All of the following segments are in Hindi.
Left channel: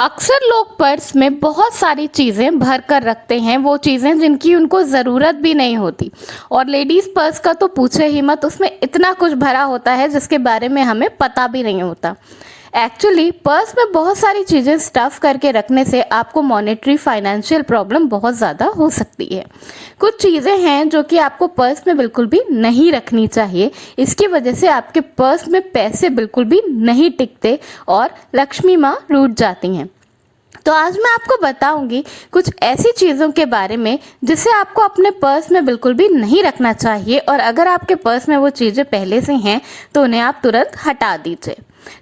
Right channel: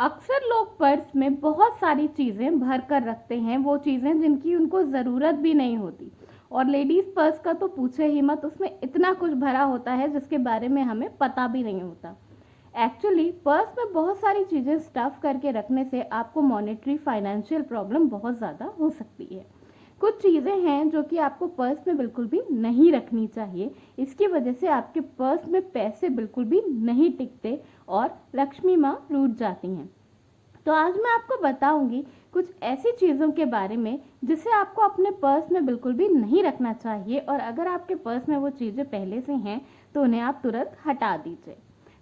अक्सर लोग पर्स में बहुत सारी चीज़ें भर कर रखते हैं, वो चीज़ें जिनकी उनको ज़रूरत भी नहीं होती। और लेडीज़ पर्स का तो पूछे ही मत, उसमें इतना कुछ भरा होता है जिसके बारे में हमें पता भी नहीं होता। एक्चुअली पर्स में बहुत सारी चीज़ें स्टफ़ करके रखने से आपको मॉनेटरी फाइनेंशियल प्रॉब्लम बहुत ज़्यादा हो सकती है। कुछ चीज़ें हैं जो कि आपको पर्स में बिल्कुल भी नहीं रखनी चाहिए। इसकी वजह से आपके पर्स में पैसे बिल्कुल भी नहीं टिकते और लक्ष्मी माँ रूठ जाती हैं। तो आज मैं आपको बताऊंगी कुछ ऐसी चीज़ों के बारे में जिसे आपको अपने पर्स में बिल्कुल भी नहीं रखना चाहिए, और अगर आपके पर्स में वो चीज़ें पहले से हैं तो उन्हें आप तुरंत हटा दीजिए।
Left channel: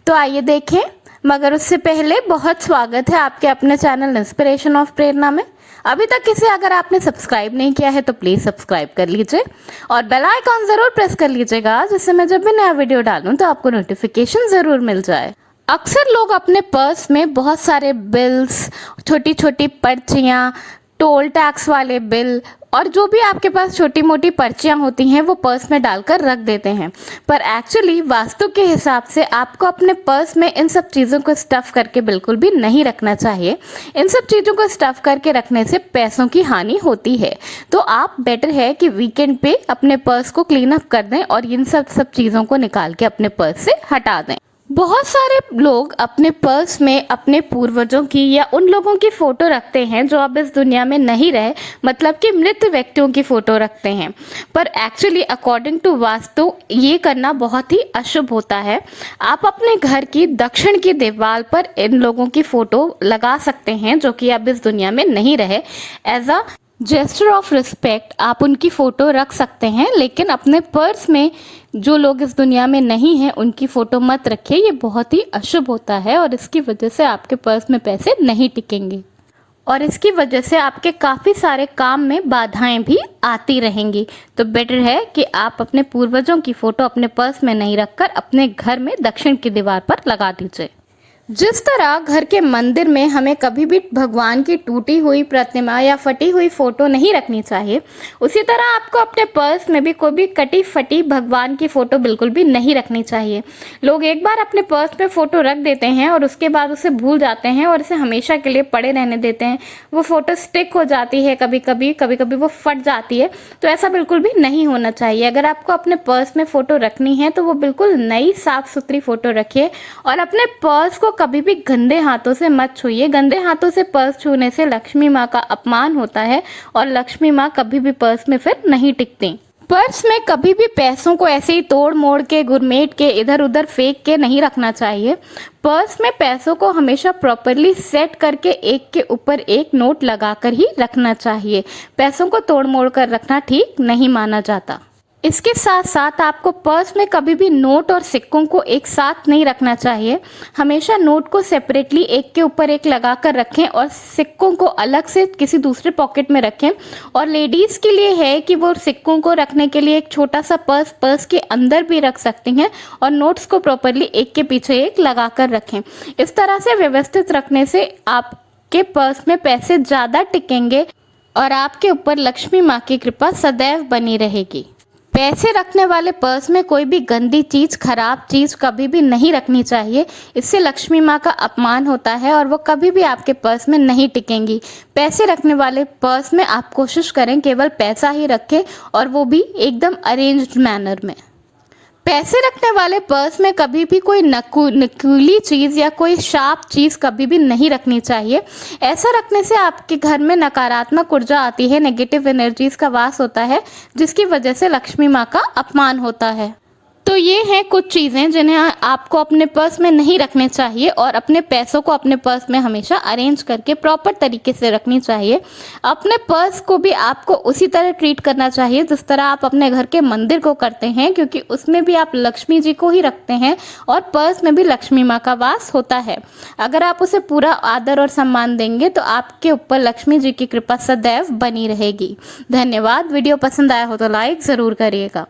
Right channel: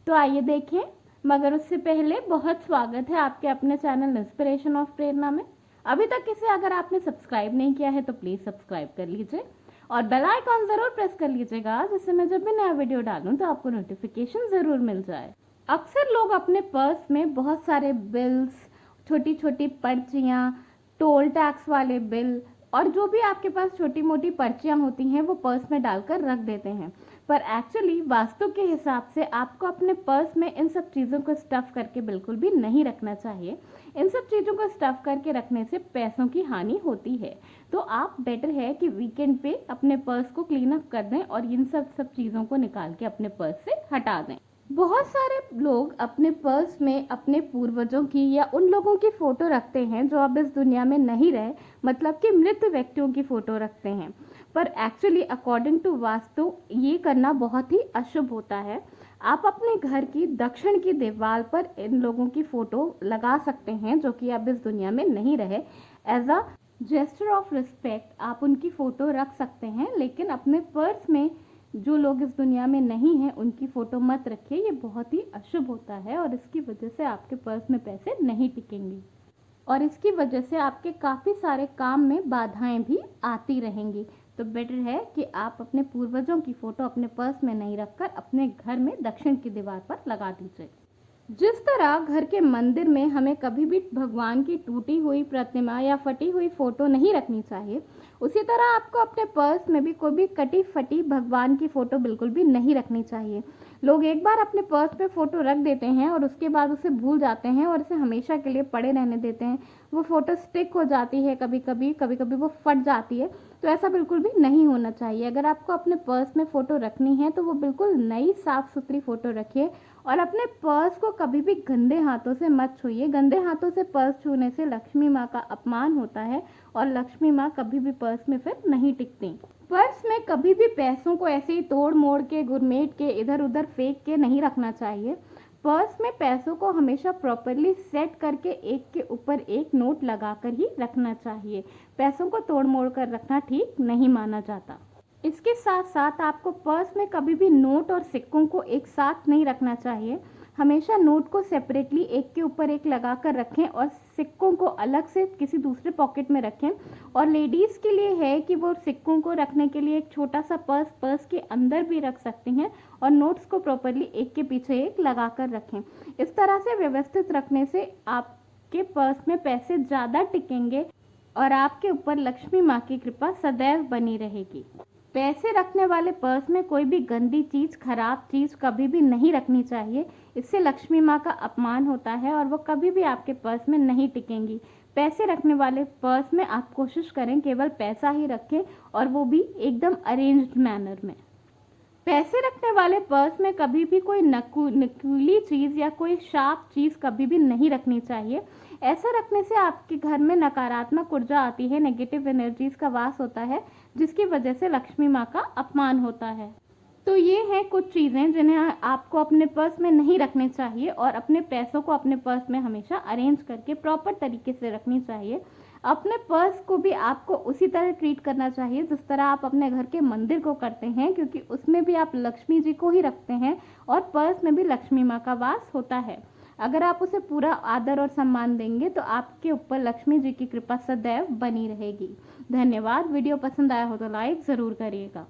तो आइए देखें, मगर उससे पहले बहुत स्वागत है आपके अपने चैनल इंस्पिरेशन ऑफ प्रेरणा में। अभी तक इसे अगर आपने सब्सक्राइब नहीं किया है तो प्लीज़ सब्सक्राइब कर लीजिए और बेल आइकॉन ज़रूर प्रेस कर लीजिएगा, जिससे मैं जब भी नया वीडियो डालूं तो आपको नोटिफिकेशन ज़रूर मिल जाए। अक्सर लोग अपने पर्स में बहुत सारे बिल्स, छोटी छोटी पर्चियाँ, टोल टैक्स वाले बिल और जो भी आपके पास छोटी मोटी पर्चियाँ होती हैं वो पर्स में डालकर रख देते हैं। पर एक्चुअली वास्तु के हिसाब से आपको अपने पर्स में इन सब चीज़ों को स्टफ़ करके बिल्कुल भी नहीं रखना चाहिए। इन सब चीज़ों को स्टफ़ करके रखने से पैसों की हानि होती है। तो आप बेटर है कि वीकेंड पे अपने पर्स को क्लीन अप कर दें और इन सब चीज़ों को निकाल के अपने पर्स से हटा दें। बहुत सारे लोग अपने पर्स में अपने पूर्वजों की या उन लोगों की फ़ोटो रखते हैं जो अब इस दुनिया में नहीं रहे, मतलब कि मृत व्यक्तियों की फ़ोटो रखते हैं। पर एक्चुअली अकॉर्डिंग टू वास्तु ये करना बहुत ही अशुभ होता है। आप अपने घर की दक्षिण की दीवार पर इन लोगों की फ़ोटो लगा सकते हैं जो कि अब इस दुनिया में नहीं रहे। As a gesture of respect आप उनकी फ़ोटो रख सकते हैं, लेकिन अपने पर्स में जो लोग इस दुनिया में नहीं हैं उनकी फ़ोटो मत रखिए। ये बहुत ही अशुभ होता है और इसकी वजह से आपके पर्स में पैसे नहीं टिकेंगे और इसकी वजह से आपके काफ़ी सारे काम में बाधाएं भी आती रहेंगी। तो बेटर है कि आप अपने पूर्वजों की फ़ोटो अपने पर्स में नहीं रखकर अपने घर में दक्षिण की दीवार पर लगा दीजिए। जिस तरह घर के मंदिर में हमें कभी भी भगवान की टूटी हुई प्रतिमा या फटी हुई फोटो नहीं रखनी चाहिए, उसी तरह आपको अपने पर्स में भी कोई भी कटी फटी भगवान की फ़ोटो बिल्कुल भी नहीं रखनी चाहिए। लोग एक बार अपने पर्स में फ़ोटो रख देते हैं और उसके बाद उसे भूल जाते हैं और इसे हमेशा के लिए पड़े रहने देते हैं। वो फ़ोटो स्टिक हो जाती है, कभी कभी वो फट जाती है। तो ऐसा बिल्कुल भी नहीं होना चाहिए। अगर आपको अपने पर्स में फ़ोटो रखनी है तो वो बिल्कुल नई साफ़ सुथरी फ़ोटो रखिए और अपने पर्स को कभी भी गंदे हाथों से मत छूइए। गंदे हाथों से पर्स छूने से लक्ष्मी माँ का अपमान होता है और लक्ष्मी माँ कभी भी पर्स में फिर नहीं टिकती। पर्स में कभी भी पैसों को ऐसे ही तोड़ मोड़ के गुरमेट के इधर उधर फेंक के नहीं रखना चाहिए। पर्स में पैसों को हमेशा प्रॉपरली सेट करके एक के ऊपर एक नोट लगाकर ही रखना चाहिए। पैसों को तोड़ मोड़ कर रखना ठीक नहीं माना जाता। इसके साथ साथ आपको पर्स में कभी भी नोट और सिक्कों को एक साथ नहीं रखना चाहिए। हमेशा नोट को सेपरेटली एक के ऊपर एक लगा कर रखें और सिक्कों को अलग से किसी दूसरे पॉकेट में रखें। और लेडीज़ के लिए है कि वो सिक्कों को रखने के लिए एक छोटा सा पर्स के अंदर भी रख सकती हैं और नोट्स को प्रॉपरली एक के पीछे एक लगा कर रखें। इस तरह से व्यवस्थित रखने से आपके पर्स में पैसे ज़्यादा टिकेंगे और आपके ऊपर लक्ष्मी माँ की कृपा सदैव बनी रहेगी। पैसे रखने वाले पर्स में कोई भी गंदी चीज़, खराब चीज़ कभी भी नहीं रखनी चाहिए। इससे लक्ष्मी माँ का अपमान होता है और वो कभी भी आपके पर्स में नहीं टिकेंगी। पैसे रखने वाले पर्स में आप कोशिश करें केवल पैसा ही रखें और वो भी एकदम अरेंज्ड मैनर में। पैसे रखने वाले पर्स में कभी भी कोई नकली चीज़ या कोई शार्प चीज़ कभी भी नहीं रखनी चाहिए। ऐसा रखने से आपके घर में नकारात्मक ऊर्जा आती है, नेगेटिव एनर्जीज का वास होता है, जिसकी वजह से लक्ष्मी माँ का अपमान होता है। तो ये हैं कुछ चीज़ें जिन्हें आपको अपने पर्स में नहीं रखने चाहिए और अपने पैसों को अपने पर्स में हमेशा अरेंज करके प्रॉपर तरीके से रखनी चाहिए। अपने पर्स को भी आपको उसी तरह ट्रीट करना चाहिए जिस तरह आप अपने घर के मंदिर को करते हैं, क्योंकि उसमें भी आप लक्ष्मी जी को ही रखते हैं और पर्स में भी लक्ष्मी माँ का वास होता है। अगर आप उसे पूरा आदर और सम्मान देंगे तो आपके ऊपर लक्ष्मी जी की कृपा सदैव बनी रहेगी। धन्यवाद। वीडियो पसंद आया हो तो लाइक ज़रूर करिएगा।